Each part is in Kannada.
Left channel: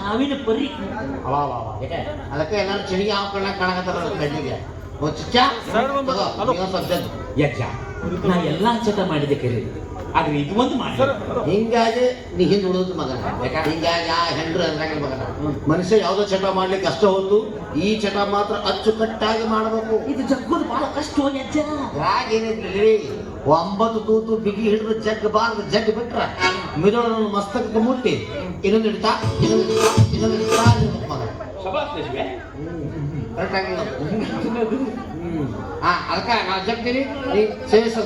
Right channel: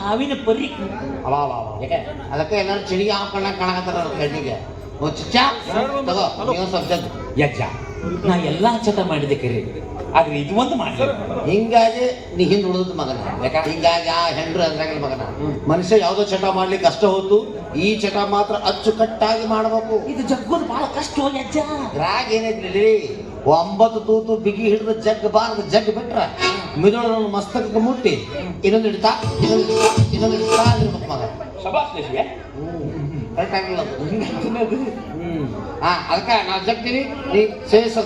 ಹಾವಿನ ಪರಿ ಅದಕ್ಕೆ ಏನಾದ್ರು ಚಳಿಗೆ ಹಾವು ಕಾಣಕತ್ತಾರ ಕಣ್ಣಿಗೆ ಯಜ್ಜ ನಾ ಎಲ್ಲಾ ಚಟ ಮಾಡಿದೆ ಕರೆ ಆದ್ರೆ ಇದು ಒಂದು ಮಾಡಿ ಹಿಂಗಾಗಿ ನೀ ಹಿಂದ್ ಉಳಿದ ಮಗನ ಯಾಕಂದ್ರೆ ಹಿಂಗಾಗಿ ಆ ಹೆಂಡ್ರು ಅದ್ರಾಗ ಮಗನ ಮನುಷ್ಯ ಯಾವ್ದೋ ಚಟ ಮಾಡ್ಲಿಕ್ಕೆ ಕಷ್ಟ ಹೋತು ಈ ಚಟ ಮಾತ್ರ ಅಚ್ಚುಕಟ್ಟಾಗಿ ಮಾಡಬೇಕು. ಇದು ಜಗ್ಗೋದು ಬಹಳ ಕಷ್ಟ ಯಜ್ಜ. ರಾಗ ಏನೈತಿ 9 ತೂತು ಬಿಗಿ ಹಿಡಿದು ಜಗ್ ಬಾರ್ದು ಜಗ್ ಬಿಟ್ರ ಮಿದಳು ಮಸ್ತಕಕ್ಕೆ ಮುಟ್ಟಿ ಇನ್ನೊಂದು ಹಿಡಿತಾ ಮಗ ಕರೆಕ್ಟ್ ಆಗಿಲ್ಲ. ಅದಕ್ಕೆ ನಾ ಜಗ್ತೀನಿ ನೀ ಸೇವಿಸ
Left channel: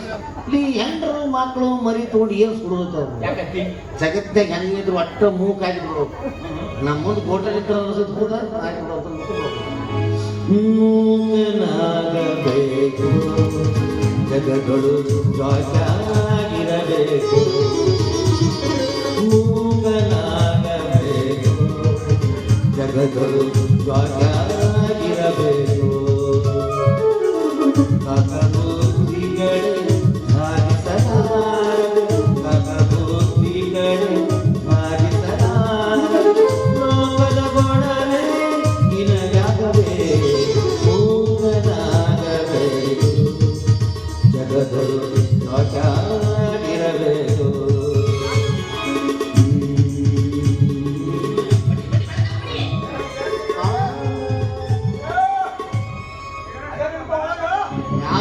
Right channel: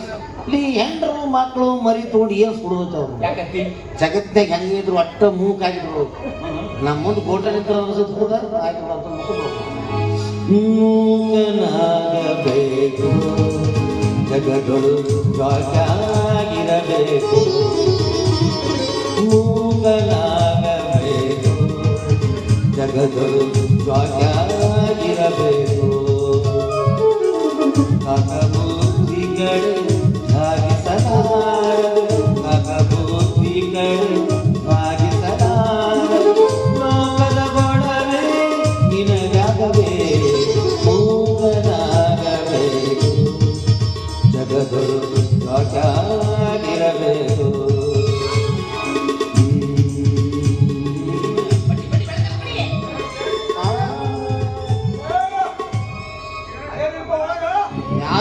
ಈ ಹೆಂಡ್ರು ಮಕ್ಕಳು ಮರಿ ತಗೊಂಡು ಏನು ಸುಡುತ್ತವ್ರು ಯಾಕಂತಿ ಜಗತ್ತಿನಾಗ ಹೆಂಗಿದ್ರು ಒಟ್ಟ ಮೂಕಾಗಿದ್ರು ನಮ್ಮ ಮುಂದೆ ಗೋಟಲ್ ಇದ್ರೆ ಮೂಕನಾಗಬೇಕು ಜಗಗಳು ಸಾಕಾಗಿರಬೇಕು ಮೂಕನಾಗಬೇಕು ಜಗಗಳು ಸಾಕಾಗಿರಬೇಕು ಲೋಕದ ಗೊಡವೆ ನಿನಗಾಗಬೇಕು ಮೂಗನಾಗಬೇಕು ಜಗದರು ಸಾಕಾಗಿರಬೇಕು.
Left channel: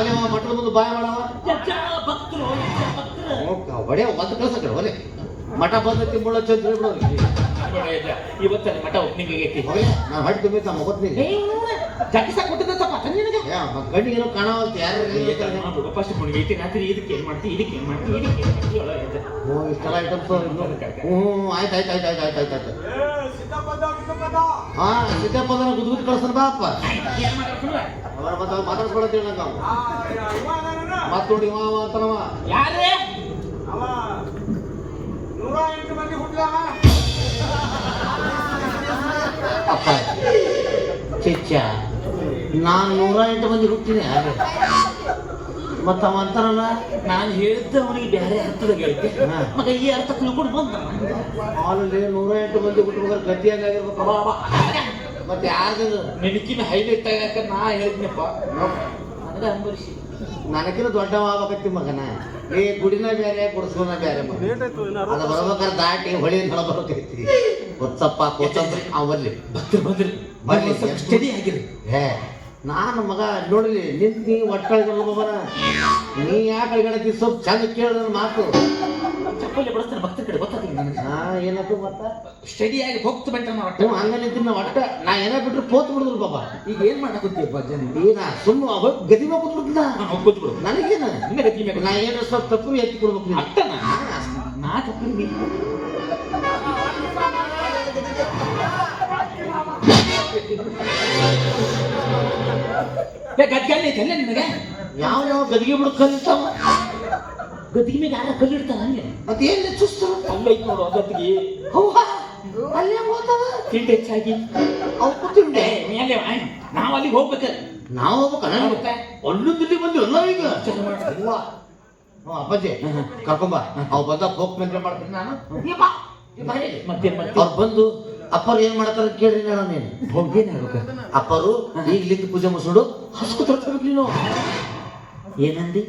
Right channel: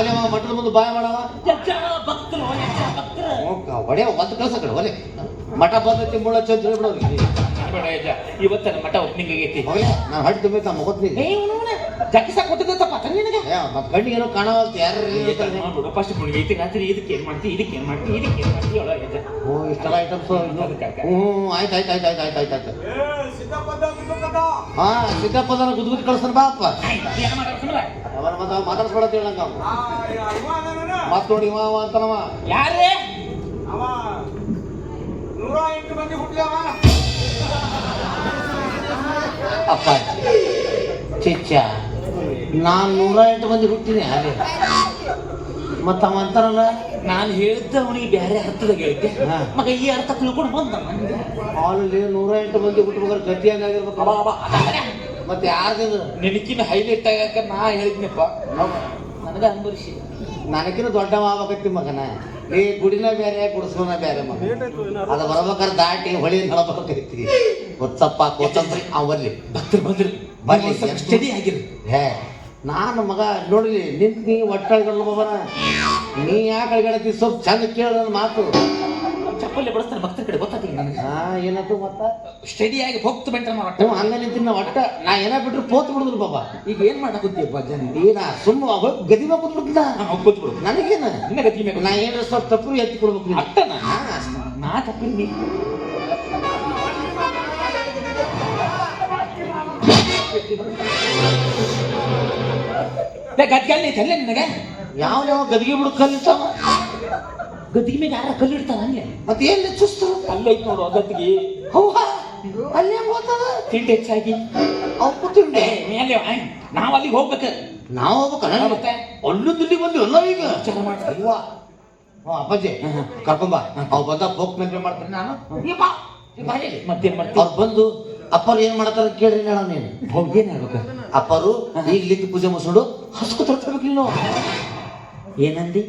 ಯಾವ ಮಠದ ಮುಂದೆ ಬಾಯ ಮಾಡವ ಹೊಡೆ ಒಂದು ಕಳ್ಸ ಕಡೆ ಹೊಲೆ ಮಠ ಪದ್ಧತಿ ಮುಳ್ಳ ಚಂದ್ರ ಇವತ್ತಲ್ಲ ಮಠ ಓಪನಿಂಗ್ ಆಗೈತಿ. ನಾನು ಹಟ್ಟು ತುಂಬಿತ ಮಗತ್ನಿಗೆ ಜಗ್ಗಿಸಾಕ್ ಗೊತ್ತಿದ್ದಪ್ಪ ನಿನಗೆ ಮತ್ತೆ ಕಣ್ಣಿಗೆ ಏನೋ ಕಾಣವಲ್ತು ಯಾರು ಫಸ್ಟ್ ಐತಿ ರಾತ್ರಿ ಇದಕ್ಕೆ ಏನ್ ಮಾಡ್ತಿ ಇದಕ್ಕೆ ಏನ್ ಮಾಡ್ತಿ ಇದಕ್ಕೆ ಏನ್ ಮಾಡ್ತಿ ಇಷ್ಟೆಲ್ಲ ಐಟಮ್ಸ್ ಆಯ್ತು ಹಾ ಸಿದ್ದಪ್ಪದನ ಗುದ್ಗುದ್ ಕಳ್ಸನ್ ಬಾಪ್ಪ ಮಾತಾಡ್ಸ್ಕೊಳತ್ತೇಳಿ ನಾವು ಮತ್ ನೋಡಿ ಮಾವ ಅಂತನವ ಯಾರೇ ಅಕ್ಕ ಚಿಚ್ಚ ನಾನು 108 ಮಂದಿ ಹುಟ್ಟಿನಿ ಹಾಗೆ ಮತ್ತ ಅವ ಅಂತಾನಲ್ಲ ನಾನು ಹೇಳಿದ್ದ ಅವನಿಗೆ ಬೇರೆ ಅರ್ಥದಾಗ ಹೇಳಿದ್ದೆ ಮಗ ಈ ಅರ್ಥ ತಿಳ್ಕೊಂಡು ಬಂದ ಅಲ್ಲಿ 108 ಮಂದಿ ಹುಟ್ಟಬೇಕಾದ್ರೆ ಗಟ್ಟಿಯಾಗಿರ್ಬೇಕು ಮತ್ತೆ ಯಾರ್ದು ನಿನಕಿನ ಹೈಲೈಟ್ ಆಗಾಕ ನಾ ಹೇಳಿದ್ನಪ್ಪ ನನಗೆ ಅನುಭವಿಸಿ ನನಗಿನ ದೊಡ್ಡ ಆಗ್ಬೇಕತ್ತಿ ಮಗನ ಈ ಗುಡಿನ ಬೇರೆ ಗುಡಿಸ್ಕೋನ ಬೇರೆ ಮಗ ಅದು ಬರ್ಬೇಕಾದ್ರೆ ದಾಟಿ ಹೊಳಿ ನಡಬರ್ಬೇಕೈತಿ ಕೊತ್ತಪ್ಪ ಕೊತ್ತಂಬ್ರಿ ಅವ್ ಬರ್ಲಿ ಬರ್ಲಿ ಸ್ಟಡಿ ಆಗಿರಿ ಹೇ ನಾನು ಮಗ ನೋಡ್ರಿ ನಿಂತು ಒಟ್ಟಳಿಗಳು ಮಗನ ನೀ ಯಾಕೆ ಅಳಿಗಡತಿ ಸ್ವಲ್ಪ ಚಂದ ಕೇಳ ಮಾತು ಚಪ್ಪಲಿ ಬಿಡಿಸ್ತಾರೆ ಭಕ್ತರ ಕಡೆ ಗೊತ್ತಾಗ್ತಿಲ್ಲ ನನಗೆ ಏನಾಯ್ತು ಮತ್ತ ಸ್ಟಡಿ ಆಗಿ ಹೋಗ್ತು ಬೆಂಟ ಹಂಗ ನಿಂತಿನ ಒಟ್ಟ ನಾ ಏನ ಬಿಟ್ರು ಪೋತ್ ಬಿಡುದ್ರು ಬಾಬಾ ಈಗ ಏನ್ ಮಾಡಕತ್ತೀಯಪ್ಪ ಜನ ಏನ ಸುಮ್ಮ ಗದಿ ಮೇಲೆ ಕೂತ್ಬಿಡ್ತಿದ್ದ ಕೂತ್ಬಿಡು ನನಗೇನ ನಿನ್ನ ಗತಿ ಮೇಲೆ ನಾ ಏನಾರ ಸ್ವಲ್ಪ ತಪ್ಪು ಎತ್ತಿ ಕೊಡ್ಬೇಕು ಅಟ್ಟನ ನಾ ತಪ್ಪು ಗದ್ಗೆಲ್ಲ ಐತಲ್ಲ ನಿನಗೆ ಯಾವ ಗದಿಗೆ ಬಿಡು ಕಲಿತಾವ ಗದ್ದಿಗೆ ಮೇಲೆ ಯಾರ ಕಲ್ಲಿಡ್ತಾನ ಹಂಗೆ ಮತ್ತೆ ಏನ್ ಹೆಚ್ಚಿಸ್ತು ಅಲ್ಲೈತ್ ನೋಡು ಗದ್ದಿಗೆ ಅಲ್ಲೇ ಹೋಗ್ತದ ತಿಂಡಿ ಹೆಚ್ಚಾಗಿ ಅವ್ರು ತಿಂಡೆ ಮೇಲೆ ನಾವ್ ಅಲ್ಲಿಗೆ ಹೋಗ್ಬೇಕ ನಾವು ಹೋಗ್ಬೇಕ ಅಲ್ಲೂ ದಿಲ್ಲಿ ಬಂದು ಎಲ್ಲ ಈಗ ವಿಚಾರ ಮಾಡ್ತೀವ ಅಪ್ಪಾಜಿ ಕರ್ಕೊಂಬ ಅವ್ ಬಂದಾಗ ಹೋಗ್ಬೇಕು ಮಾಡ್ತೀನಿ ನಾನು ಮತ್ತೆ ಅವ್ರು ಬಂದು ಅಪ್ಪರು ಏನ್ ಮಾಡ್ತಾರ ಕೇಳ್ರಿ ನಾನು ನೀನು ಹೋಗೇನೆ ಆಗ್ಬೇಕ ಅಪ್ಪರು ಈಗ ಲಿಂಗ ಪೂಜೆ ಮುಗಿಸ್ಕೊಂಡು ಹಸ್ಕು ತರ್ಬೇಕು ನೀನು ಏನಂದಿ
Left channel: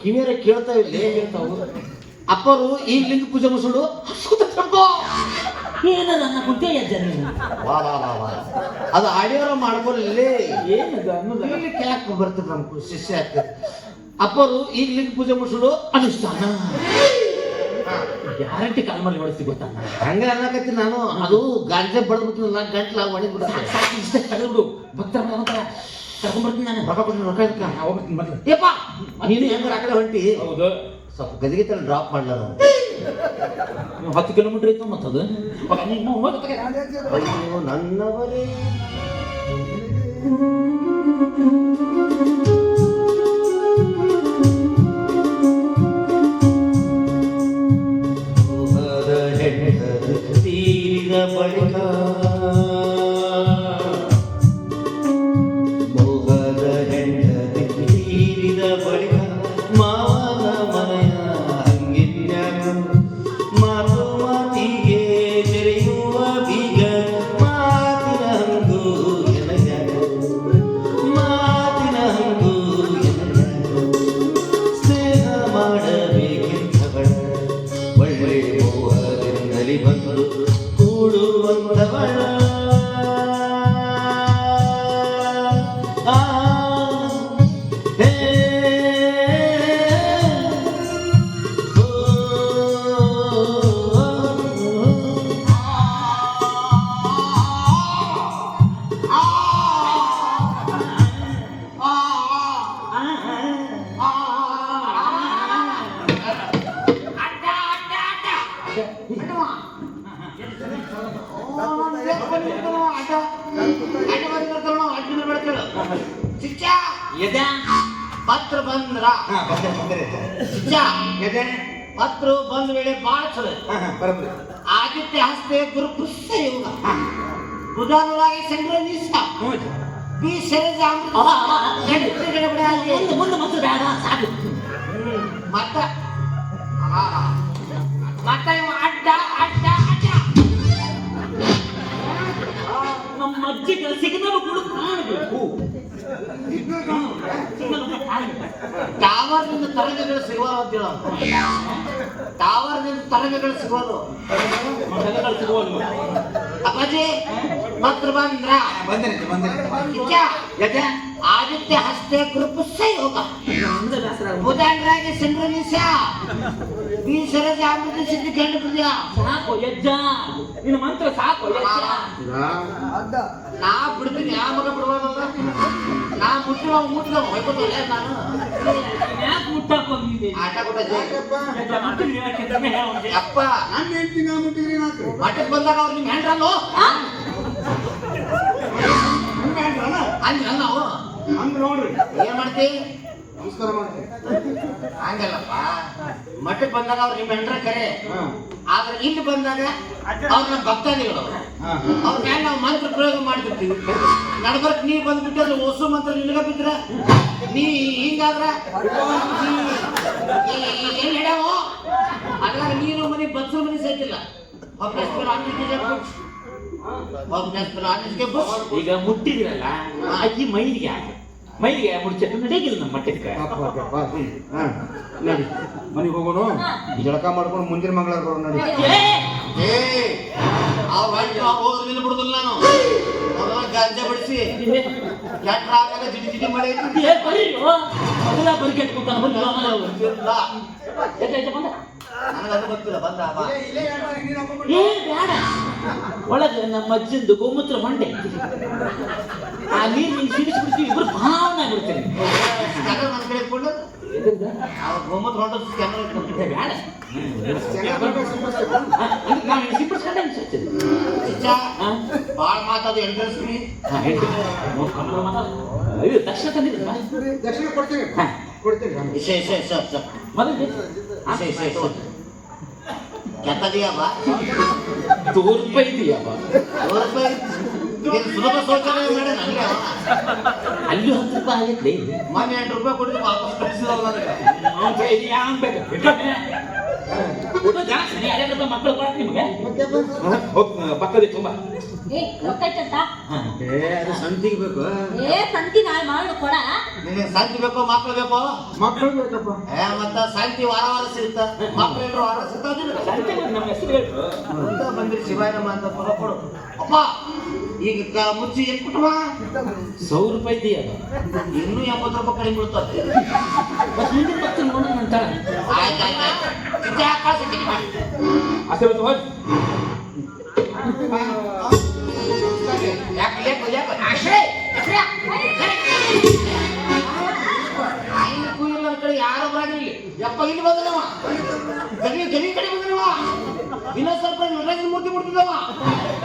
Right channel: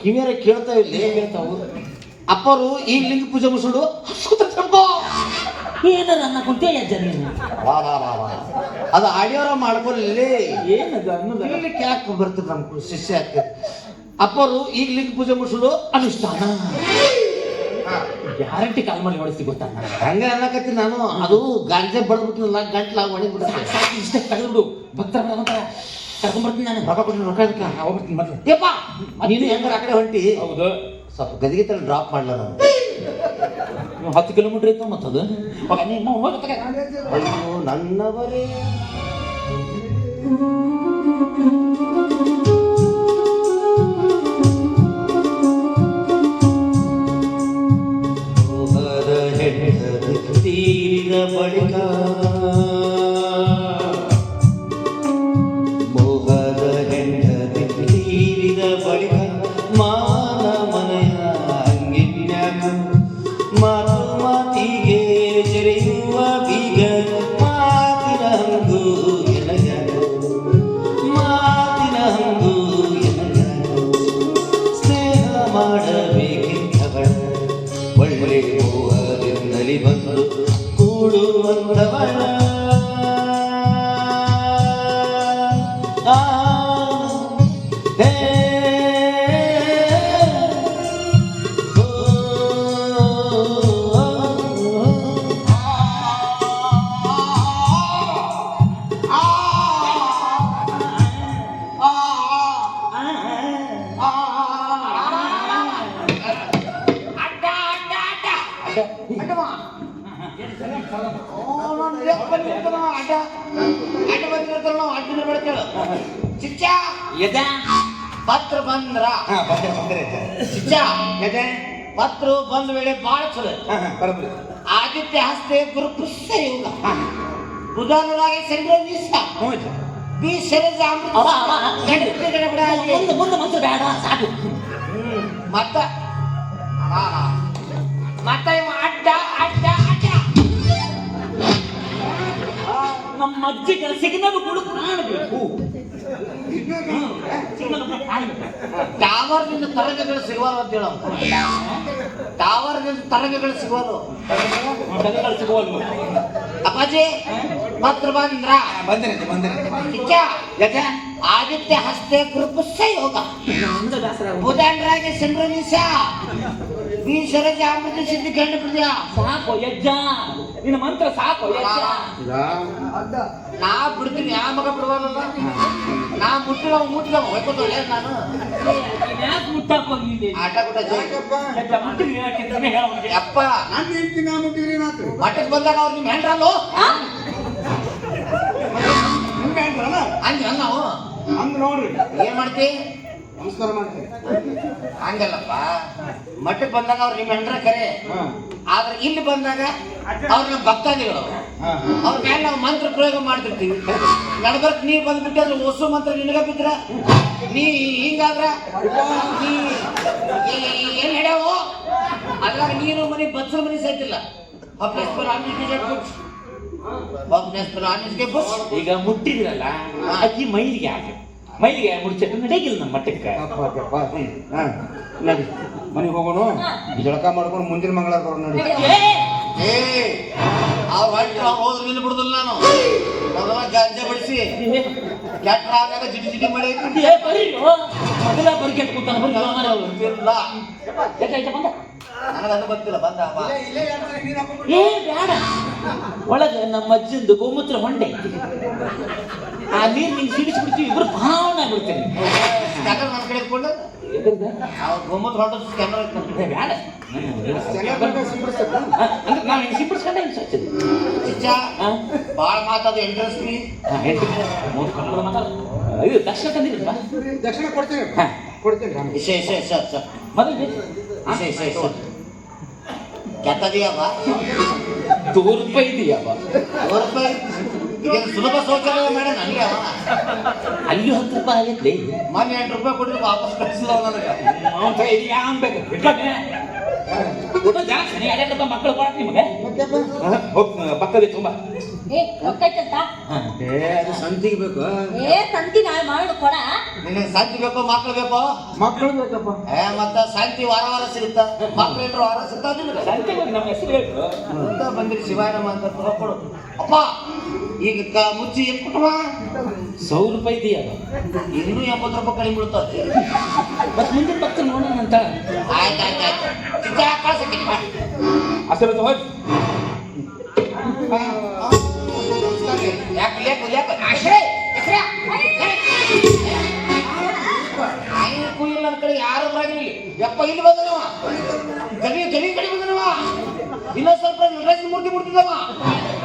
ಕಿವಿಯರ ಕೇಳ್ತಾ ಇಲ್ಲಿ ಅಪ್ಪರು ಈಗ ಲಿಂಗ ಪೂಜೆ ಮುಗಿಸ್ಕೊಂಡು ಹಸ್ಕು ತರ್ಬೇಕು ಏನಾರ ಅನ್ನ ಕುಂತೇ ಅಜ್ಜ ನೀನು ವಾ ವಾ ವಾ ವಾ. ಅದು ಆಡಿಯೋರ ಮಾಡ್ಕೊಳ್ಳಿ ಏನದು ಅನ್ನೋದು ಇಲ್ಲಿ ಯಾಕೆ ಬರ್ತದೆ ನಮ್ಗೆ ಶಿಷ್ಯ ಯಾಕೆ ಅಪ್ಪರು ಈಗ ಲಿಂಗ ಪೂಜೆ ಮುಗಿಸೋದು ಅನುಷ್ಠಾನ ಗ್ಯಾರಂಟಿ ಕಾಲ್ ಮಾಡಿ ನಡೆಸ್ತಿ ಗೊತ್ತಾನ ಹಂಗೆ ಅನ್ನಕತ್ತೀನಿ ನಾನು ಅದು ಗಾಂಜೆ ಬಡ್ಬಿಟ್ಟಿಲ್ಲ ಗಂಟ್ಲಾಗ ಹೊಡಿಬಿಡುತ್ತೆ ಇಷ್ಟೇ ಕಳೆದು ಭಕ್ತರ ಕರ್ಕೊಂಡ್ಬರ್ತೀನಿ ನಾನು ಹೋಗ್ಬಿಡ್ತೀನಿ ಮೊದಲು ಯಪ್ಪ ನೀನು ಹೆಂಗಾರ ಆ ಕಡೆ ಹೊಂಟಿ ಹೌದು ಸ್ವಲ್ಪ ಗದಿಗೆ ತಲೆ ಡ್ರಾಪ್ ಮಾಡ್ಲ ನಾನು 10 ಕಿಲೋಮೀಟರ್ ಐತೆ ಮತ್ತದು ಅಯ್ಯೋ ನನ್ನವರೇ ತೀರಿದ ಬಳಿಕ ಮೋಹದ ಹೆಂಡತಿ ತೀರಿದ ಬಳಿಕ ಮಾನ ಮನೆಯ ಹಂಗಿನ್ಯಾಕ ಮಾತು ಮಾತಿಗೆ ಜರೆಯುವ ಬೀಗ ಮಾತಿನ ಹಂಗು ಮಾತಿನ ಹಂಗು ಸ್ನೇಹ ಮಾಡಬೇಕಿದ್ದವಳ ಒಳ್ಳೆ ಮೋಹದಿಂದಲಿ ಬಂದು ಕೂಡುವಂದವಳ ಹೇ ಪತ್ರ ಬಂದ್ರ ಪತ್ರ ಬಂದ ವೇಳೆ ಬಾಳ ಚಲೋ ಆದಿತ್ಯ ಹಸ್ತೆ ಗುರು ಪುಷ್ಯ ಯೋಗ ಉದಾಹರಣೆಗೆ ಸಂಗ್ರಹಿಸ ಬಿ ಶರಜ ಮುಂದೆ ಮತ್ತೆ ಬೇಡ ಸಾಕು ಮತ್ತ ಮತ್ತ ಅಡ್ಡ ಅಡ್ಡ ಅಡ್ಡ ನಮ್ಮ ಅಜ್ಜಿಗೆ ಸಿಗ್ನಲ್ ಕೂಡ ಕಾಣಬೇಕು ಟವರ್ನಿಂದ ತರಂಗಗಳು ಸಿಗುವಲ್ಲ ಅಂತೇಳ ಟವರ್ನಿಂದ ತರಂಗಗಳು ಸಿಗುವಲ್ಲ ಅಪ್ಪಾಜಿ ಪತ್ರ ಬಂದ್ರ ಆದಿತ್ಯ ಹಸ್ತೆ ಕೃಪಸ್ಯ ಯೋಗ ಬುಧಾಂಡ್ರಾಗೆ ಸಂಕ್ರಮಿಸ ಈ ಶರಜ ಅಮೃತ ಸಿದ್ಧಿ ಗಂಡ ಪ್ರಿಯ ಸಾಕು ಯಜ್ಜ ನಿನ್ನ ಮಂತ್ರ ಸಾಕು ಯಜ್ಜ ನಾ ಬಿಡ್ತೀನಿ ಯಾವ ಮಗ ಬಿಡುವಲ್ಲ ನಾ ಮುಟ್ಟಿನ ಮುಟ್ಟಿನ ಹೊಯ್ಕೋದಿಲ್ಲ ನಾನು ಯಾಕೆ ಮುಟ್ಟಪ್ಪ ಬಂದಿದೆ ಆಟ ಕೂಡ ಅಪ್ಪ ನಾನು ಹೇಳ್ತೀನಿ ನಾ ಮುಟ್ಟಿದ್ರೆ ನಾಲ್ಕು ಮಠಕ್ಕೆ ಬಂದಾಗ ಅವ್ರು ನಿಮ್ ಹೆಂಡ್ರಲ್ಲೋ ಹಂಗ ನಾವು ಹಂಗ ನೋಡ್ರಿ ಏನ್ ಮಾಡ್ತಿ ನಮಸ್ಕಾರ ಮಾಡ್ತೀನಿ ಹಂಗಲ್ಲಪ್ಪ ಮಠಕ್ಕೆ ಬಂದಾಗ ಅವ್ರು ನಿಮ್ ಹೆಂಡ್ರ ಕರೆ ಆದ್ರೆ ಇಲ್ಲಿ ಬಂದಾಗ ಅವ್ರ ನಮ್ಮ ಭಕ್ತಾದಿಗಳು ಅವ್ರ ಮೇಲೆ ನಾವು ಮಂತ್ರ ಪ್ರಯೋಗ ಮಾಡ್ತಿರ್ತೀವಿ ನಡ್ಬರ್ಕ್ ನೀ ಬಂದ್ಬಿಟ್ಟೆ ಅಂದ್ರೆ ಹೊಸು ಮಂತ್ರ ನಿನಗ ಬಿದ್ರ ನೀ ಹಿಂಗಾದ್ರ ನೀ ಏನ್ ಹೇಳ್ಯಾವೋ ಅದ್ರಾಗ ನೀನು ಮನೆ ಬಸ್ರ ಮನೆ ಸೈತಿಲ್ಲ ಈಗ ಮುಟ್ಟಿದ್ರಲ್ಲ ಅಜ್ಜಿ ಮೈಲಿಗೆ ಮುಡ್ಚಕ್ಕೆ ನಡೆಗಿಲ್ಲ ನಮ್ಮ ಮಟ್ಟಕ್ಕೆ ಮನೆಗೆ ಹೋಗೋಣ ಜಳಕ ಮಾಡ್ಕೊಂಡು ಮುಂದಿನ ಮಂಗಳವಾರ ಬರೋಣ ನೋಡಿ ಹೋದ್ರೆ ನಿಲ್ಲ ಬಿಡುದಿಲ್ಲ ನಾನು ಗಾಂಜೆ ಬಿಡಿಸಿ ಜಿಟಿ ಜಿಟಿ ಮಾಡಿ ಮೊದಲ ಬರ್ಗೆಟ್ ಕೂತಾನ ನನಗದು ಗೊತ್ತಿಲ್ಲ ಬಂದ ಏ ಬೇಡ ಒಳಗೆ ನಮ್ಮ ಅಜ್ಜಿಂದು ಗೋಮೂತ್ರ ಹೊಂಡೆ ಆ ನೀರು ನಿಂಗೆ ಸಿಡಿಸ್ಬಿಡ್ತೀವಿ ಇಬ್ರು ಭಾವನೆ ಆಗ್ಬಿಡ್ತೇನೆ ನಮ್ಮ ಕಡೆ ಇಟ್ಕೊಂಡು ಗೋಮೂತ್ರ ಹೊಂಡ ಕ್ಯಾಮ್ರಾ ಇಟ್ಕೊಂಡು ಬೇಡ ನಾವು ಸಿಂಪಡಿಸ್ಕೊಂಡೆ ಅನ್ಸುತ್ತದೆ ಭಾಳ ಮಾತಾಡು ಎಂಟ್ರೆನ್ಸ್ ಫ್ರೀ ಇದು ದಕ್ಷಿಣ ತಂದಿದ್ರಲ್ಲ ದಕ್ಷಿಣ ಕೊಡ್ತೀನಿ ಕೊಡ್ತೀನಿ ಸರ್ ಮೊದಲು ಕೆಟ್ಟದಿಯವ ₹2 ಇದೆಯಪ್ಪ ಇದನ್ನು ಸುಲಭ ಶೌಚಾಲಯ ಮಾಡಿ ನನಗೆ ಅಲ್ಲಿ ₹10 ಆಗೈತ್ಲಿ ಮೊನ್ನೆ ₹8 ಕೊಟ್ಟರೆ ವಾಪಸ್ ಕಳಿಸಿಲ್ಲ ಜಾಸ್ತಿ ಮಕ್ಕಳು ಕೊಡ್ತೀನಿ ನಿಮಗೆ ಪಕ್ಕದ ತುಂಬ ಏ ಗೊತ್ತಾಯ್ತಂತ ಏ ಅದು ಸಂತಿಗೆ ಬೇಕು ಏ ಸಂತಿ ನಾಳೆ ಮಾಡು ಕೊಡ ನಿನಗೆ ಶಾಂತಿ ಬೇಕೋ ಮಕ್ಳು ಬೇಕೋ ಮಕ್ಕಳು ಬೇಕಪ್ಪ ಮತ್ತ ಶಾಂತಿ ವಾರ ವಾರ ಸಿಗುತ್ತ ಮಕ್ಳು ಇದ್ರು ವಾರ ಸಿಗ್ತಾದಿಲ್ಲ ನಮ್ಮ ಹೆಸರು ಹೇಳ್ರು ಅಂತ ಬಂದಿರಿ ಶಿವಾಯನಮ್ಮ ಅಂತ ಕೊಡು ಅಪ್ಪ ಈಗ ಮುಚ್ಚಿ ಎಷ್ಟು ಕೊಟ್ಟವ ₹100 ಇದೆಯಾ ಇನ್ನೂ 80 ರೂಪಾಯಿ ಕಡಿಮೆ ಬೀಳ್ತದೆ ಮತ್ತೆ ಮುಂದಿನ ಪಕ್ಕ ನೋಡೋಣ ನಂತರ ಆಯ್ತು ಚಿಕ್ಕ ಕಳ್ಸಕ್ಕೆ ಅಸಲು ಹೋಗಿ ಕಡೆ ಯಾರು ಬರಾಗಿಲ್ಲ ಯಪ್ಪ ಇಲ್ಲಿ ಬಂದವ ಗಲಿ ಕಡೆ ಬಂದವ ಇಲ್ಲ ಸ್ವಲ್ಪ ನಟರಾಜನ ಮೂರ್ತಿ ಮುಡ್ತಿದವ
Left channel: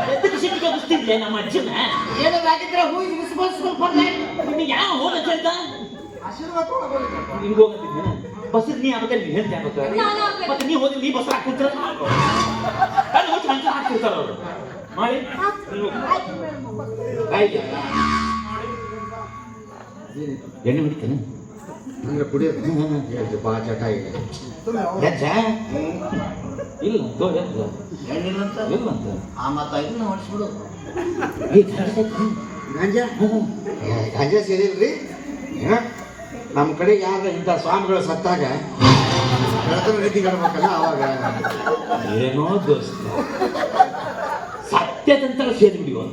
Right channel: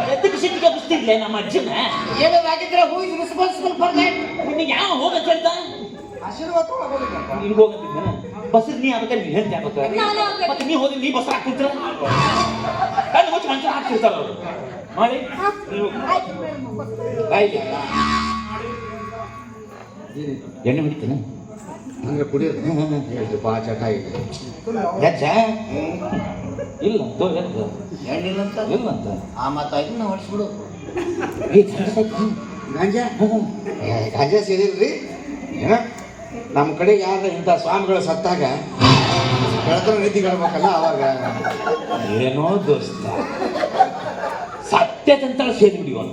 ಎದಕ್ಕೆ ಸಿಟ್ಟಿಗೆ ಬಸ್ತಿದ್ಲೆ ನಮ್ಮ ಅಜ್ಜನ ಏನಾಗಿದ್ರೆ ಹೋಗಿ ರೆಸ್ಪಾನ್ಸಿಬಲ್ ಬರ್ದೆ ನಿನಗೆ ಯಾವ ಹೋಗಂತ ಹೇಳ್ತಾ ಆಶೀರ್ವಾದ ತೊಗೊಳಕ್ಕೆ ಹಿಂಗೆ ಹೋಗಂತಿದ್ದಾನೆ ಬಸ್ ನೀ ಅದಕ್ಕೆ ನೀ ಹೇಳ್ತಾ ಮತ್ತೆ ನೀ ಹೋದ್ರೆ ನೀ ಬಸ್ ಹಾಕ್ತಿದ್ರ ಕಣ್ಣು ಮುಚ್ಚಿ ಮಂಚ ಹಾಕ್ತಿರ್ತಾರ ಅವರು ಮಾಡಿ ಆಯ್ತು ಎಣ್ಣೆ ಬಿಡ್ತಾನೆ ಹಂಗೆ ಕುಡಿಯೋದು ಬಾ ಚಟ ಇದೆ ಗಜ್ಜ ಇಲ್ಲ ಎದ್ದು ಹೆಣ್ಣಿಲ್ಲಂತ ಇಲ್ಲ ಅಂತ ಆ ಮತ್ತ ಇದನ್ನ ಹೊಡಿಸ್ಬಿಡು ಗಾಂಜಾ ಗಾಂಜಾ ಸೇರಿಲ್ರಿ ಏನ ನಮ್ಮ ಕಡೆ ಯಾರು ಇಂಥ ಸ್ವಾಮಿಗಳು ಸತ್ತಾಗ ಬೆಳತನ ರೀತಿಗಾಡ್ಬೇಕಲ್ಲ ಅವಾಗ ಏನೋ ದೋಸ್ತ ಸತ್ಯದಂತ ಸೇರಿ ಬಿಡಿಯೋ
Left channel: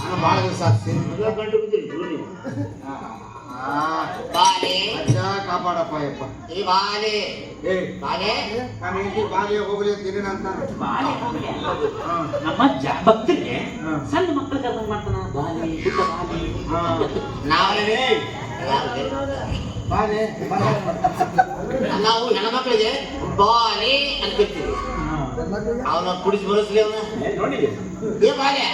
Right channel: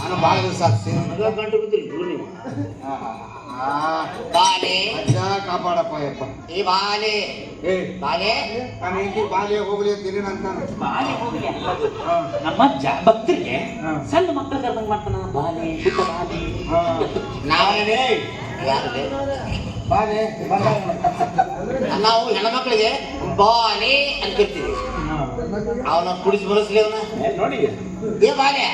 ನಾನು ಭಾಳ ದಿವಸ ಸೇರಿ ಗಂಟು ಬಿದ್ರಿ ದೂರ ನೀವು ಬಾಲೆ ಅಜ್ಜ ಕಾಪಾಡಪ್ಪ ಯಪ್ಪ ಈ ಬಾಲೆ ಏ ಬಾಲೆ ನಾನು ಹೆಂಡತಿ ಬಾಲಿಗೆ ಹೋಗ್ಲಿ ಅಂತೀನಿ ಅಂತ ನಮ್ಮ ಅಜ್ಜ ಭಕ್ತರಿಗೆ ಸಣ್ಣ ಮಕ್ಕಳ ಕರ್ಕೊಂಡು ಮಾಡ್ತಾನ ಬಾಲಿ ಪುಟ್ಟ ಬಾಲಿ ನಾವೇ ಯಾರಿಗೆ ಬಾಲೆ ನಾವು ಹೆಣ್ಮಕ್ಳಿಗೆ ಬಾಲೆ ಅಂತ ಕರಿತೀವಿ ಅವನ ಕುಡಿಸಿ ಬರಸ್ಲಿ ಅವನ ನೋಡಿದೆ ಏ ಬಾಲೆ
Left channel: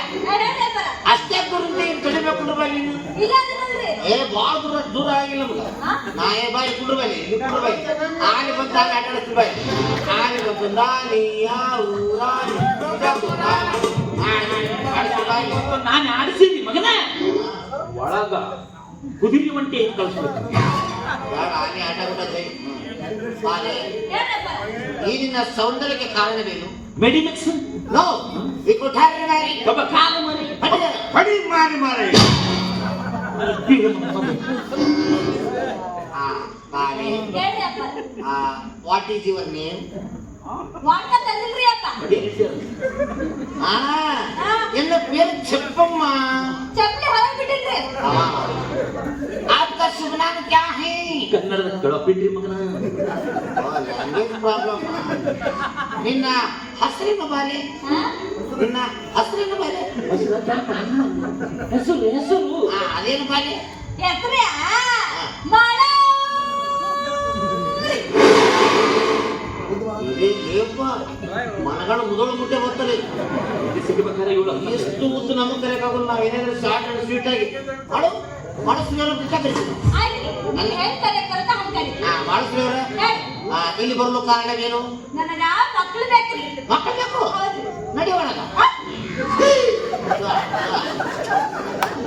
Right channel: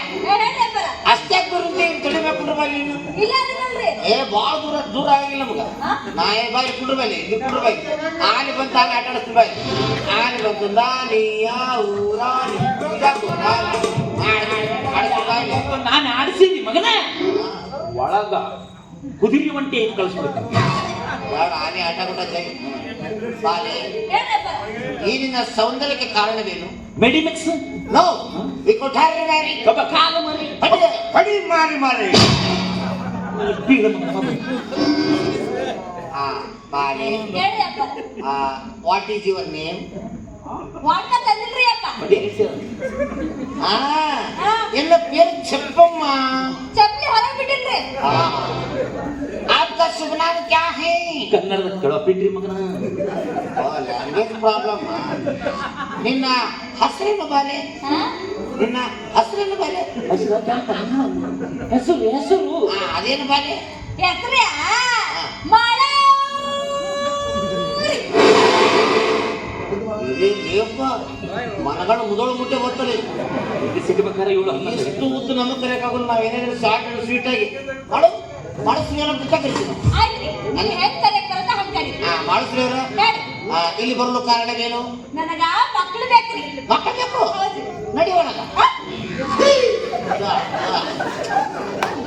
ಅಷ್ಟೇ ದೂರ ಕಡಿಮೆ ಕುಂಡ್ರ ಬಾಲಿ ಇಲ್ಲ ಅದು ನೋಡ್ರಿ ಭಾಳ ದೂರ ಆಗಿಲ್ಲ ನಮ್ಗ ನಾ ಬಾಯಿ ಕುಂಡ್ರ ಬಾಲಿ ಇಲ್ಲಿ ಕುಂಡ್ರ ಬಾಯಿ ಆನೆ ಬಂತ ಆಟ ಆಡಿಸ್ತು ಬಾಯಿ ಆನೆ ಬಂತು ನಾಲಿಯ ಊರಾನಿ ನಾನು ಆಡಿಸಿನಿ ಮಗನ ಒಳಗ ಕುದುರೆ ಒಂಟೆ ಕಳಿಸ್ಬೇಕು ಆನೆ ಆಟ ಬಿಟ್ಟದೆ ಬಾಲೆ ಈ ನಿನ್ನ ಸೌಂದರ್ಯಕ್ಕೆ ಕಾರಣವೇನು Medimix no we could have marry ಕಾಲ ಮರಿ ಕಡಿ ಮಾರಿ ಮಾರಿ ಬಾಲೆ ಹೇಳಿ ಅಪ್ಪ ವಾಟ್ ಈಸ್ ಯುವರ್ ನೇಮ್ ವಾಟ ತಂದಿಲ್ರಿ ಅಪ್ಪ ಎಲ್ಲ ಪೇರು ಚಪ್ಪಮ್ಮ ಚಪ್ಪಲಿ ಹೊರಗೆ ಬಿಟ್ಟಿದ್ರಿ आपका शुभ नाम क्या है ಕನ್ನಡದ ಕೆಳಪಿಟ್ರಿ ಮಗನ लैंग्वेज प्रॉब्लम ನಿನ್ನ ಹೆಸರೇನು ಬಾಲೆ ನಿನ್ನ ಹೆಸರೇನು ಬಾಲೆ ಹೆಸರು ಹೆಸರು ಅದೇನು ಬಾಲೆ ಹೆಸ್ರ್ಯಾ ಮಾಳ ಏಪ್ಪ ಮನಗಳು ಮುದಳು ಮುಟ್ಟೆ ಬರ್ತದೆ ಸಿಗಬೇಕಾದ್ರೆ ಇವಳು ಎಷ್ಟು ಉದ್ದು ನಮಗೆ ಕರೆಯಕ್ಕಾಗಲ್ಲ ನಾವು ಏನಾದ್ರು ಶಾರ್ಟ್ ಅಂಡ್ ಸ್ವೀಟ್ ಆಗಿ ಮಾಡು ಮಾಡಿಸ್ಲಿಲ್ಲ ಅಂತ ಕರಿತೀವಿ ಆಯ್ತ್ರಿ ನಿಮ್ಗೆ ಹೆಂಗ್ ಕರೆಕ್ಟ್ ಬರುತ್ತೆ ಹಂಗ್ ಕರಿ ಮಾಡಿಸ್ಲಿವ್ರ ಹೇಳಿ ಇಲ್ಲಿ ಬರಲು ಕಾರಣವೇನು ನನಗ ಮಕ್ಳು ಬೇಕ್ರಿ ಮಕ್ಕಳು ಬೇಕು ಹೌದ್ರಿ ನಡಿಯೋಣ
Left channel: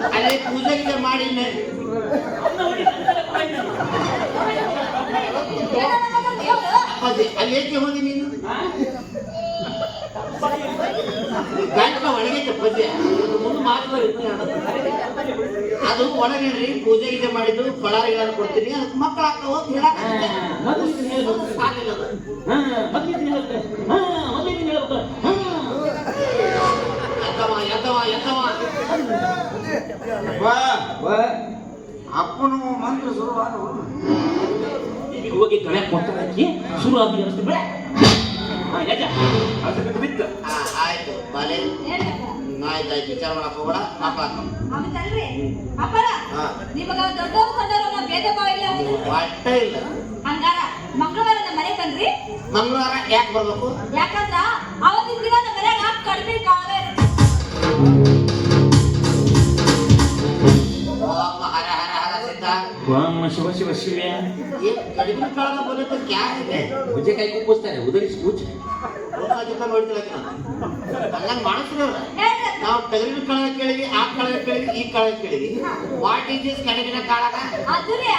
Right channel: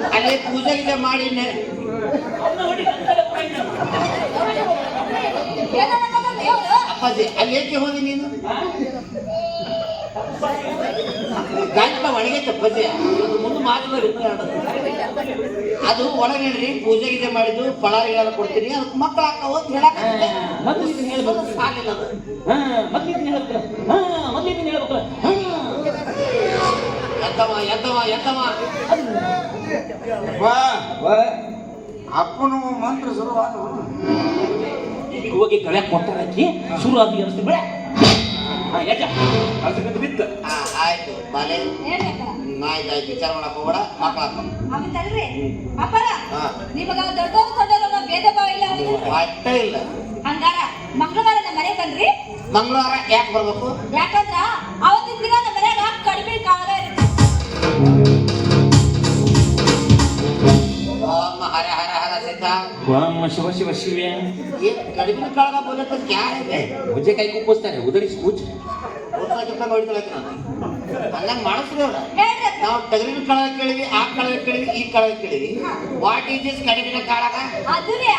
ಅಲ್ಲೇ ಪೂಜೆಗೆ ಮಾಡಿ ಏನನ್ನೋದು ದೇವ್ರು ಅಪ್ಪಾಜಿ ಅಲ್ಲಿ ಏಕೆ ಹೋಗಿ ನೀನು ಗಂಟ ಒಳಗೆ ಅಪ್ಪಾಜಿ ಮುಂದೆ ಮಾತುಗಳು ಅದು ಒಳಗೇನ್ರಿ ಪೂಜೆ ಗೀಜೆ ಮಾಡಿದ್ದು ಫಳಾರಿಗಾರ ಕೊಡ್ತೀನಿ ಅದಕ್ಕೆ ಮಕ್ಕಳು ಹಾಕವ ಹೇಳಕ್ ಸಾಲಿಲ್ಲ ಅದು ಎದ್ದವ ಅಪ್ಪನು ಮಂತ್ರ ಶುರುವಾದ ಹೋಗಿ ತೊಳೆಯಕ್ಕೆ ಕೊಡ್ತಾರೆ ಹಾಕಿ ಶುರು ಆಗಿ ಅನಿಸ್ತು ಬೇಡ ಬಿತ್ತು ಆಯ್ತು ಬಾಲೆ ಆಯ್ತಾಯ್ತು ವಿಚಾರ ಮಾಡಕ್ ಹೋಗೋಣ ಮಕ್ಕಳು ಹೌದಲ್ರಿ ಅಪ್ಪರ ನಿಮಗ ದೊಡ್ಡವ್ರು ಸಣ್ಣವ್ರು ಭೇದ ಭಾವ ಇಲ್ಲ ಅವ್ರಿಗೆ ಒಟ್ಟ ಇಲ್ಲ ಹಂಗಾರ ಮಂಗಳವಾರ ನಮ್ಮ ಮನೆ ಬನ್ರಿ ಮಂಗಳವಾರ ಯಾಕೆ ಬರ್ಬೇಕು ಯಾಕಂದ್ರ ಅವತ್ತಿನ ದಿನ ನಮ್ಮ ಮನ್ಯಾಗ ಕಡಿಮೆ ಕಾಲ ಓಂ ಹರ ಹರ ಹರ ಸಿದ್ಧ ಓಂ ಶಿವ ಶಿವ ಶಿವ ये कड़िमे काल बोले तो क्या है ಮುಜೆ ಕೈ ಕೂಸ್ತಾರೆ ಉದರಿಸಿ ಕೂಚು ಹಂಗಂಗ್ ಮಾಡಿಸ್ರಲ್ಲ ನಾವು ತೆಗರಿನ ಕಾಳ ಕೇಳಿವಿ ಆ ಕಾಳ ಕೇಳಿವಿ ಈ ಕಾಳ ಕೇಳಿವಿ ವಾಟ್ ಈಸ್ ದಿಸ್ ಕಡಿಮಿನ ಕಾಳಗ ಅದುರಿ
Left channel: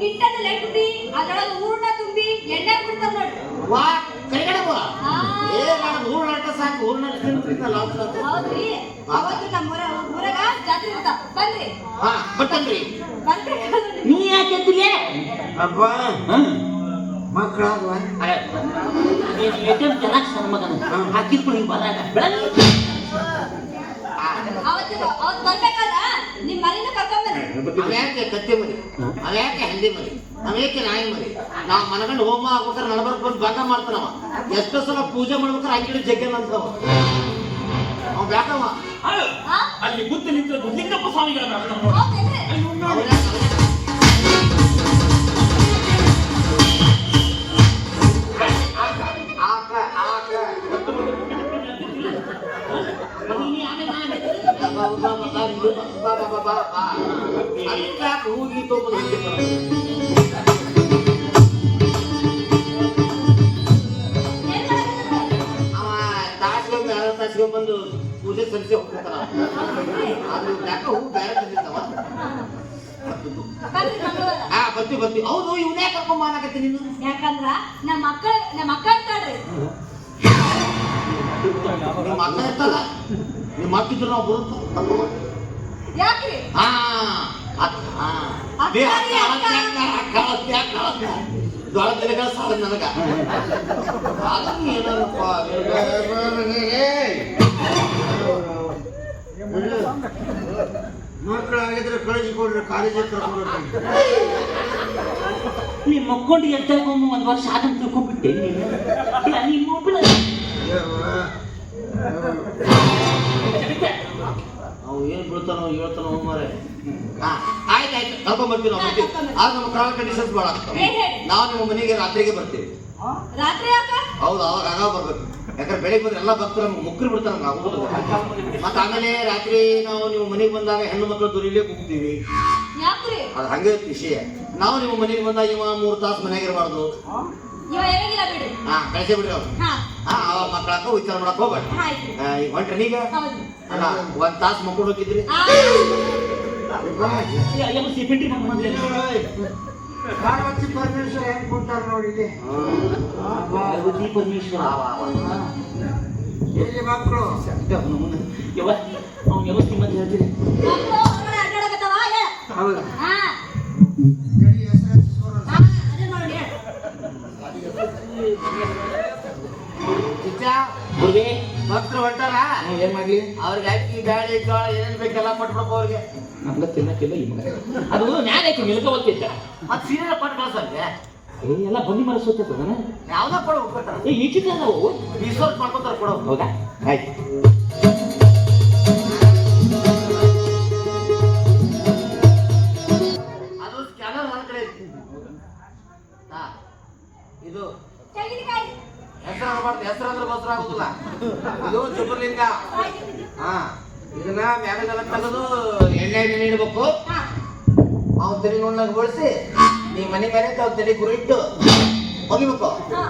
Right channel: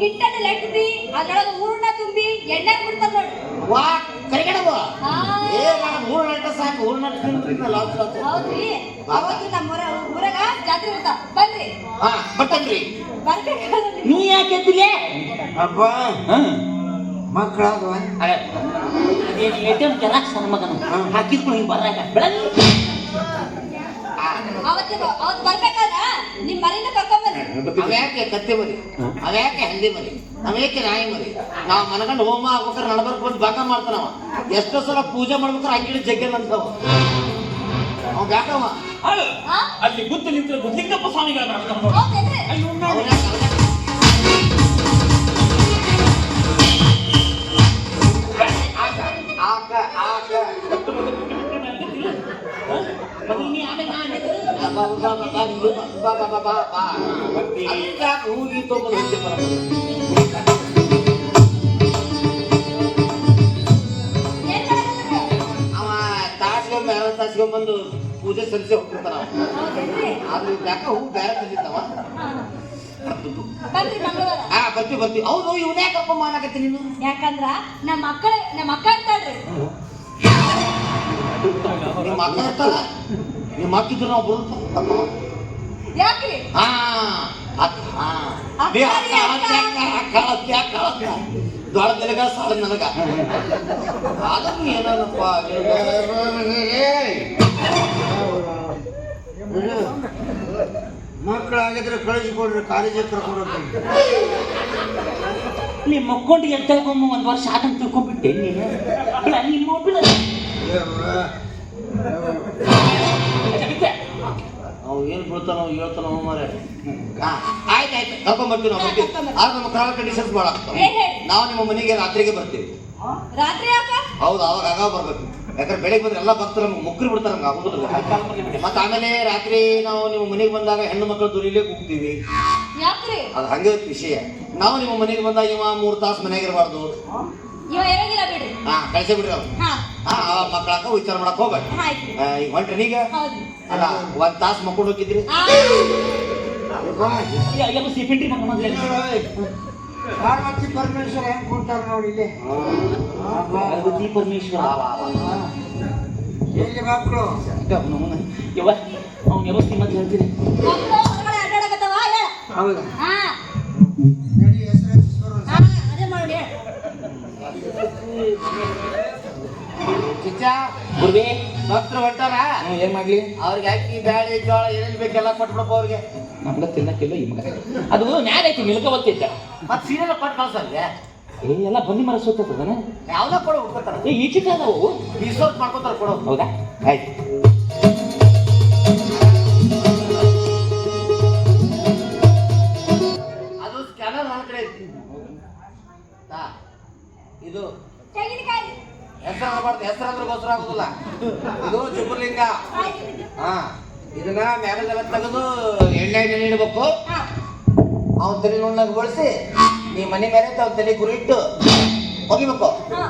ಹಿಟ್ಟದ ಲಟ್ಟಿ ಅದರೊಳಗೆ ಹೂರಣ ತುಂಬಿ ಎಣ್ಣೆ ಬಿಡ್ತಾರ ನೋಡಿ ವಾ ಕರಿಗಡಬ ಏ ನಾನು ಹೂರಣ ಸಾಕು ಊರ್ನಲ್ಲಿ ಹೌದ್ರಿ ಅವತ್ತು ನಮ್ಮ ಊರಾಗ ಜಾತ್ರೆ ಇರ್ತಾವ ಬನ್ರಿ ಹಾ ಬರ್ತೇನ್ರಿ. ಬರ್ಬೇಕಾದ್ರೆ ನೀ ಯಾಕೆ ಎದ್ದಿಲ್ಲ ಅಪ್ಪ ಮಕ್ಕಳಾಗವ ಲೇಟರ್ ಚೆನ್ನಾಗಿ ಸಣ್ಣ ಮಗನ ಹಾಕಿದ್ಕೊಂಡು ಹಿಂಗೆ ಬರಾಗ ಬೆಳಗ್ಗೆ ಅವತ್ತು ಬರ್ಬೇಕಾದ್ರ ನಿಮ್ ಮರಿನ ಕರ್ಕೊಂಬನ್ರಿ. ಅವ್ಯಾಕೆ ಕತ್ತೆ ಮರಿ, ಅವ್ಯಾಕೆ ಹಂದಿ ಮರಿ, ಅವ್ಯಾಕೆ ನಾಯಿ ಮರಿ. ನಾವು ಮನಗಂಡು ಹೋಮ ಆಗ್ಬೇಕಾದ್ರೆ ನಡಬರ್ಕ್ ಬಂದು ಬಾಕ ಮಾಡ್ತಾನವ. ಎಷ್ಟೋ ಸಲ ಪೂಜೆ ಮಾಡ್ಬೇಕಾದ್ರೆ ಅಂಗಿಡಿ ಜಗ್ಗೆ ಬಂದವ ಅವ್ ಬ್ಯಾಕವ. ಹಾ? ಅಲ್ಲಿ ಗುತ್ತು ನಿಂತು ಲಿಂಗಪ್ಪ ಸ್ವಾಮಿಗಳ ಹೌದೇನ್ರಿ? ಏನ್ ಮಾಡಕತ್ತೀರಿ? ಬಂದು ಪೂಜೆ ಸಲ್ಲಿಸಿ ಹೋಗ್ತಿರ್ತಾನ. ಅದು ಯಾಕ ಹೂ ಬೇರೆ ತಂದಿರ್ತಾವ. ಬರ್ರಿ ಮಂಗಳವಾರ. ಬರ್ತಿ. ಹೌದು ಇವನೇ ಕಪ್ಪ ಮಾಡಕತ್ತಿ ನೀನು. ಯಾಕಂದ್ರ ನಮ್ಮ ಅಕ್ಕ ಇರ್ತಾಳ್ರಿ. ನಿಮ್ಮ ಅಕ್ಕ ಇರ್ತಾರ, ನಿಮ್ಮ ಅಕ್ಕಿದ್ರು ನಾವು ಬರುತ್ತ. ಯಾಕ್ರಿ? ದೊಡ್ಡದೆಲಗ ಸಾಲ ನನಗ ಅದನ್ನು ಏನಪ್ಪ ಮಕ್ಕಳಾಗಿದ್ರೆ ಕಳಿಸಿಕೊಡ್ರಿ ಕಾಲೇಜಿಗೆ ಕರ್ಕೊಂಡು ನಿಮ್ಮ ಮಕ್ಕೊಂಡು ಎಲ್ಲಿ ತಗೊಂಬ ಒಂದು ವರ್ಷ ಆದಂತ ತಿಳ್ಕೊಂಡ್ಬಿಟ್ಟೆ ನೀನು ನಿಮ್ಮ ಅವು ಏನು ಬೀಳ್ತಾನೋ ಹೇಳ್ತಾನೋ ಮರೆ. ಆಯ್ತಾಯ್ತು ಕರ್ಕೊಂಡ್ಬರ್ತೀವಿ ನಾವು ಬರ್ತೀವಿ. ಆದ್ರೆ ನಮ್ಮ ಕರಾಳ ಕಂಡೀಷನ್ಸ್ ಭಾಳ ಆಗ್ತಾವೆ. ನಾವು ನಿಮ್ಮ ಮನೆಗೆ ರಾತ್ರಿಗೆ ಬರ್ತೀವಿ. ರಾತ್ರಿ ಯಾಕ? ಹೌದು ಅವಾಗ ಆಗಾಗ ಬರ್ಬೇಕು. ಯಾಕಂದ್ರೆ ಬೆಳಿಗ್ಗೆ ಬಂದ್ರೆ ಎಲ್ಲ ಭಕ್ತರು ನಮ್ಗೆ ಮುಕ್ರಿ ಬಿಡ್ತಾರೆ ನಮ್ಗೆ ಆಗೋದಿಲ್ಲ. ಮತ್ತೆ ಆಮೇಲೆ ರಾತ್ರಿ ನಾವು ನಿಮ್ಮ ಮನೆಗೆ ಬಂದಾಗ ಹೆಣ್ಣು ಮಕ್ಕಳು ದುರಿಲೇ ಕೂಗ್ತೀವಿ. ಯಾಕ್ರಿ? ಅದು ಹಂಗೆ ವಿಷಯ. ನಾವು ನಿಮ್ಮ ಮನೆಗೆ ಬಂದಾಗ ಇವ 3 ತಾಸು ಮನೆಯಾಗ ಇರಬಾರ್ದು. ಇವ ಇರಂಗಿಲ್ಲ ಬಿಡ್ರಿ. ಕಳಿಸಿ ಬಿಡ್ರಿ ಅವ್ರು. ಹಾ ಅವಾಗ ಮಕ್ಕಳಾಗ ವಿಚಾರ ಮಾಡಕ್ ಹೋಗ್ಬೇಡಿ. ಆಯ್ತು. ಈಗ ಹೊಂಟ್ರಿ ನೀಗ ಹೌದು. ಅಲ್ಲ 1 ತಾಸು ಮಕ್ಕಳು ಹೋಗಿದ್ರಿ. ಸಿಪಿಂಟ್ರಿ ಪಾರ್ವತಿ ಪರಮೇಶ್ವರ ಹೆಂಗ್ ಕೊಡ್ತಾರೆ ನೋಡಿ ಇಲ್ಲಿ ಪಾರ್ವತಿ ಪರಮೇಶ್ವರ ಎಲ್ಲಿ ಮಕ್ಕಳು ಅವ್ನ ವ್ಯವಸ್ಥೆ ಮತ್ತೆ ಹೇಳ್ತೀರಿ. ಮಕ್ಕಳು ಹೊರಗಡೆ ಅಡ್ಡಾಡಕತ್ತಾವ ಹೇಳ. ಹೌದಾ ಹಾ ನಡಿ ಹೆಸರು ಹಾ, ಅದೇ ನೋಡಿ ಹೇಳ. ಚಿಚ್ಚ ಗುರುವೇ ಭಕ್ತರು ಹೊಂಟಾರ. ಏನ್ ಮಾಡ್ಲಿ ಅವ್ರಿಗೆ ಅಕ್ಕಿ ಬ್ಯಾಳಿ ಜೋಳ ಏನೇನು ಬೇಕೆಲ್ಲ ಕೊಟ್ಬಿಡಪ್ಪ ಅವ್ರಿಗೆ. ನಮ್ಗ ತಿನ್ನಕ್ಕಿಲ್ಲ ಈ ಮಗ ಅದು ನ್ಯಾಯ ಐತಿ ನಿಲ್ಕ ಓದ್ತಿದ್ದ ಮತ್ತೆ ಸೀರೆ ಕೊಟ್ಟು ಕಳ್ಸಂಗೆ ಎಲ್ಲ ಬನ್ನಿ ಮರ ಸೋತದನ ಯಾವ್ದೋ ಕೊಡು ಉಟ್ಕೊತಾರ. ಈಚಿತ ನಾವು ರಿಸೋರ್ಟ್ ಮಾಡ್ಕೊತಾರ ಕೊಡೋ. ಹೌದಾ ಆಯ್ತು ಅದು ಸ್ಕ್ಯಾನರ್ ನನ್ನ ಕಡೆ ಐತಿ. ಇದು ತೆಂಗಿನಕಾಯಿ. ಹೆಸರು ಆಗಬಾರ್ದು. ಹೆಸರು ಅಂದ್ರೆ ಗೋಸ್ಕರ ಆಗುದಿಲ್ಲ. ಇದು ಚುಬ್ಬರ್ಲಿಂಗ. ಹಾ ಇದನ್ನ ಮ್ಯಾಗದೆಲ್ಲ ತೆಗೆದು ಎಣ್ಣೆ ಇಡಬೇಕು. ಹಾ ಅವನ ತಲೆ ನೋಡ್ನಾಗ ಬಳಸಿ ನೀ ಮನೆ ಮೇಲೆ ಅವ್ನ ತಲೆ ಗುರಿ ಇಟ್ಟು ಹೋಗಿಬೇಕು. ಹಾ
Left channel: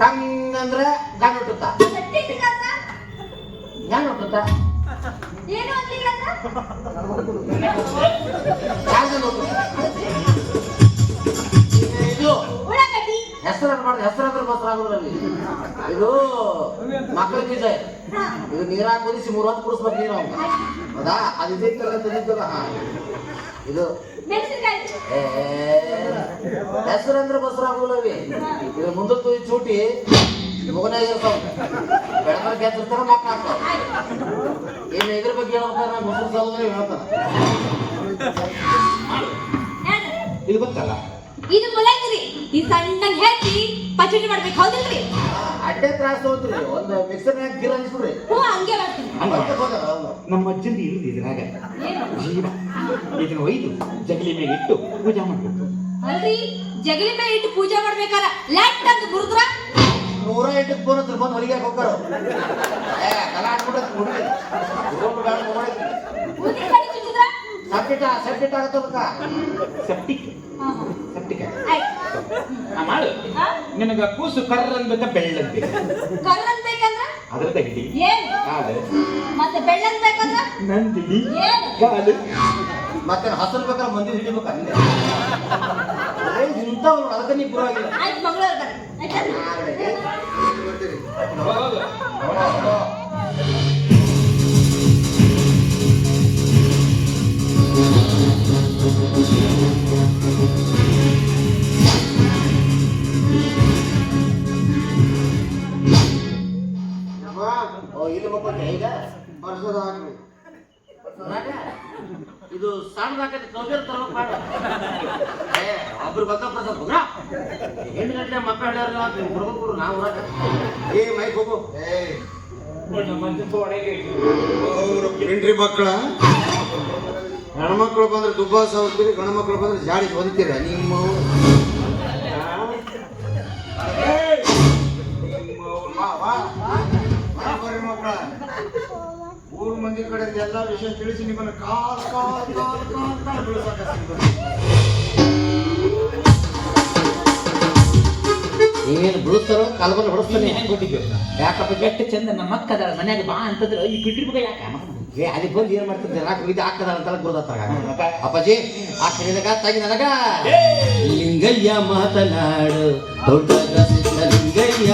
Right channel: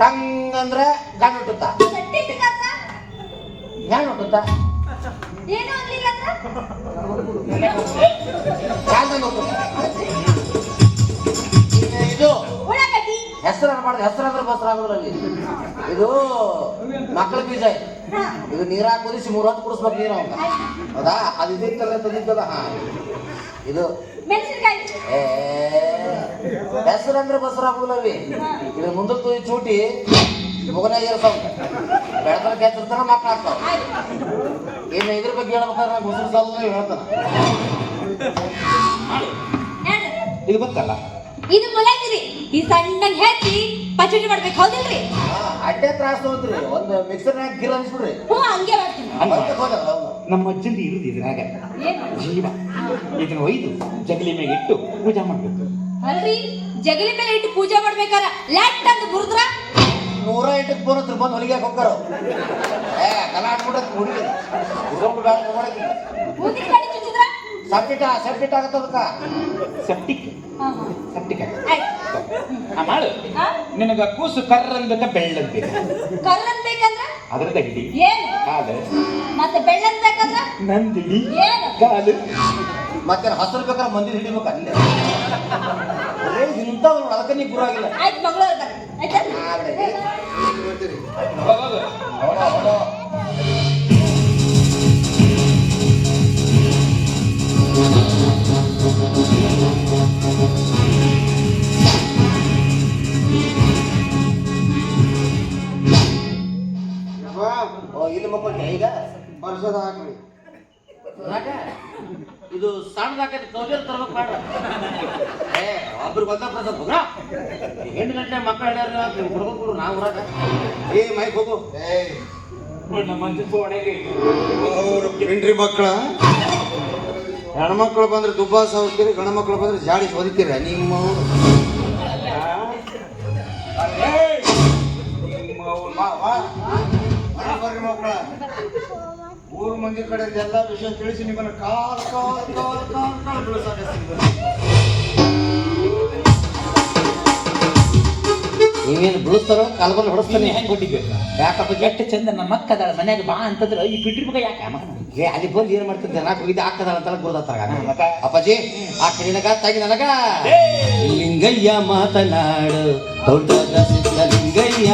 ಟಂಗ್ ಅಂದ್ರೆ ಗಂಡು ಹುಟ್ಟುತ್ತಾ, ಸಟ್ಟಿ ಇಟ್ಕಂದ್ರ? ಗಂಡು ಹುಟ್ಟುತ್ತಾ, ಏನು ಅನ್ಲಿಕ್ಕಂದ್ರ? ಇದು ಉಳ್ಳಾಗಡ್ಡಿ. ಹೆಸರು ಮಾಡಬಾರ್ದು. ಹೆಸರು ಅಂದ್ರೆ ಬಸ್ರ ಆಗುದ್ರಲ್ಲಿ. ಇದು ಮಕ್ಕಳ ಬೀಜ. ಹಾ ಇದು ನೀರಾಗ ಕುದಿಸಿ 3 ಹೊತ್ತು ಕುಡಿಸ್ಬೇಕು ನೀರು ಅವಂಗ. ಹೌದಾ? ಅದು ಇದಿತ್ತಲ್ಲ ತಂದಿದ್ದಲ್ಲ. ಹಾ ಇದು ಮೆಣಸಿನಕಾಯಿ. ಹೆಸರು ಅಂದ್ರೆ ಬಸ್ರ ಆಗುದಿಲ್ಲವಿ. ಇದ್ರ ಮುಂದಕ್ಕೆ ಚೂಟಿ ಮುಗನಾಗ ಇರ್ತಾವ. ಬೆಳತರ ಕೆತ್ತಿರ್ತಾರ ಮಕ್ಕಳು ಆಗ್ತಾವ. ಇನ್ನು ಇದ್ರ ಬಗ್ಗೆ ಹೇಳ್ಬೇಕಾದ್ರೆ ಮೊಸರು ಸಾಲ ಹೇಳ್ತಾನ. ಯಾರು? ಇದು ಗೊತ್ತಲ್ಲ ಇದು ಮುಲ್ಲಂಗಿರಿ. ಈ ಸಣ್ಣಗೆ ಹೆಚ್ಚಿ ಪಚಡಿ ಮಾಡ್ಬೇಕು ಹೌದಿಲ್ರಿ? ಅಡ್ಡೆ ತ್ರಾಸ ಹೋದ್ರಿ. ಒಂದು ಮಿಕ್ಸರ್ನಾಗ ಗಿರ್ ಅನ್ಸ್ಬಿಡ್ರಿ. ಹ್ಞೂ ಹಂಗೆ ಮಾಡ್ತೀನಿ. ನಮ್ಮ ಅಜ್ಜಂದು ಇರುದು ಇದ್ರಾಗ ಏನು? ಜೀವ ಇದನ್ನ ಒಯ್ದು ಜಗಲಿ ಮೇಲೆ ಇಟ್ಟು ಪೂಜೆ ಮಾಡ್ಬೇಕು. ಅಲ್ರಿ ಜಗಲಿ ಮೇಲೆ ಇಟ್ಟು ಪೂಜೆ ಮಾಡ್ಬೇಕಾರ ಲ್ಯಾಟ್ ಅಂತ ಬುರುದ್ರ 108ಕ್ಕೆ ಫೋನ್ ಹತ್ರ ಬಂದು ಹೊರಗೆ ಹೋಗ್ತಾರ. ಕಲಾಟ್ ಬಿಡಕ್ ಹುಡುಗಿ ಬೇಡ ನೋಡಕ್ಕೆ ಮುದಿ ಕಡೆ ಚುಚ್ಚಿದ್ರ ಸೆಪ್ಟಿಟ್ ಆಗತ್ತದಕ್ಕ. ಸೆಪ್ಟಿಕ್ ಸೆಪ್ಟಿಕ್ ಆಯ್ತು. ಮಾಡು ಹಾ? ನಿನಗ ಕೂಸು ಕರ್ರಂಬೇಕ ಬೆಳ್ಳಂಬೇಕು ಕಲ್ಲನ್ ಬೇಕಂದ್ರ ಅದ್ರ ತಗಡಿ ಏನು? ಕಾಲು ಮತ್ತೆ ಬೆಳ್ಳನ್ ಬೇಕಂದ್ರ ನಂದಿನಿ ಏನು? ಕಾಲು ಮತ್ತೆ ಹಸರು ಬೇಕಾದ್ರೆ ಮಂದಿ ಹಿಡಿಬೇಕು ಅಲ್ಲೇ. ಇಂಥವ್ರು ಅದಕ್ಕೆ ನೀ ಪೂರಾಗಿಲ್ಲ. ಆಯ್ತು ಮಂಗಳವಾರ ಆಯ್ತಾ? ಹೋಗು. ಇಲ್ಲಿ ಮಕ್ಕಳು ಈಗ ವರ್ಷದ ಹಾಕ್ರಿ ಯಾಕೆ? ಇದು ಸಣ್ಣದಾಕೈತಿ ಕೌಜರ್ ತರ್ಬೇಕು ಬೇಡ ಒಬ್ರು ಗೊತ್ತಾಗ್ತದ ಎಂಟು ಗಂಟೆ ಮಕ್ಕಳು ಹೇಳ್ಯಾರ ಹುಡುಗರು ನಾವು ಊರಾಗ ಏ ಮೈಕ್ ಹೋಗು ಹೆಂಡ್ರಿ ಮಕ್ಕಳ ಹೆಣ್ಮಕ್ಳು ಬಂದ್ರೆ ದುಬ್ಬ ಸಾವುತ್ತೀರಿ, ಗಂಡು ಮಕ್ಳು ಬಂದ್ರೆ ಜಾಡಿ ಹೊದಿತೀರ ನಿಮ್ಮ ಬರ್ರಿ ಮಕ್ಕಳ. ಊರು ಮಂದಿ ಕಡೆ ಎಲ್ಲ ವಿಷಯ ತಿಳಿಸಿ ನಿಮ್ಮನ್ನು ಕಾಲ್ ಕಾಲ್ ಕಾಲ್ ಕಾಲ್ ಕಾಲ್ ಬೀಳ್ಸಾಕತ್ತೀನಿ. ನೀವೇನು ಬಿಡಿಸ್ತಾರೋ ಕಲ್ಬಲ್ ಹೊಡಿಸ್ತಾನೆ ಕೊಟ್ಟಿದ್ಬೇಕು ಯಾಕಪ್ಪ ಕೆಟ್ಟ ಚಂದ ನಮ್ಮ ಅಕ್ಕದ ಮನ್ಯಾಗ ಬಾ ಅಂತಂದ್ರೆ ಈ ಬಿಟ್ರಿ ಮಗ ಯಾಕೆ ಏ ಅಲ್ಲಿ ಬಂದು ಏನ್ ಮಾಡ್ತಿದ್ದೆ ನಾಲ್ಕು ಇದು ಹಾಕದ ಅಂತೆಲ್ಲ ಗುರುದತ್ತಾಗ ಅಪ್ಪಾಜಿ ಹಾಕಿ ನಿನಗ ತಾಗಿ ನನಗ ಲಿಂಗಯ್ಯ ಮಾತನಾಡು ದೊಡ್ಡ ಲಿಂಗಯ್ಯ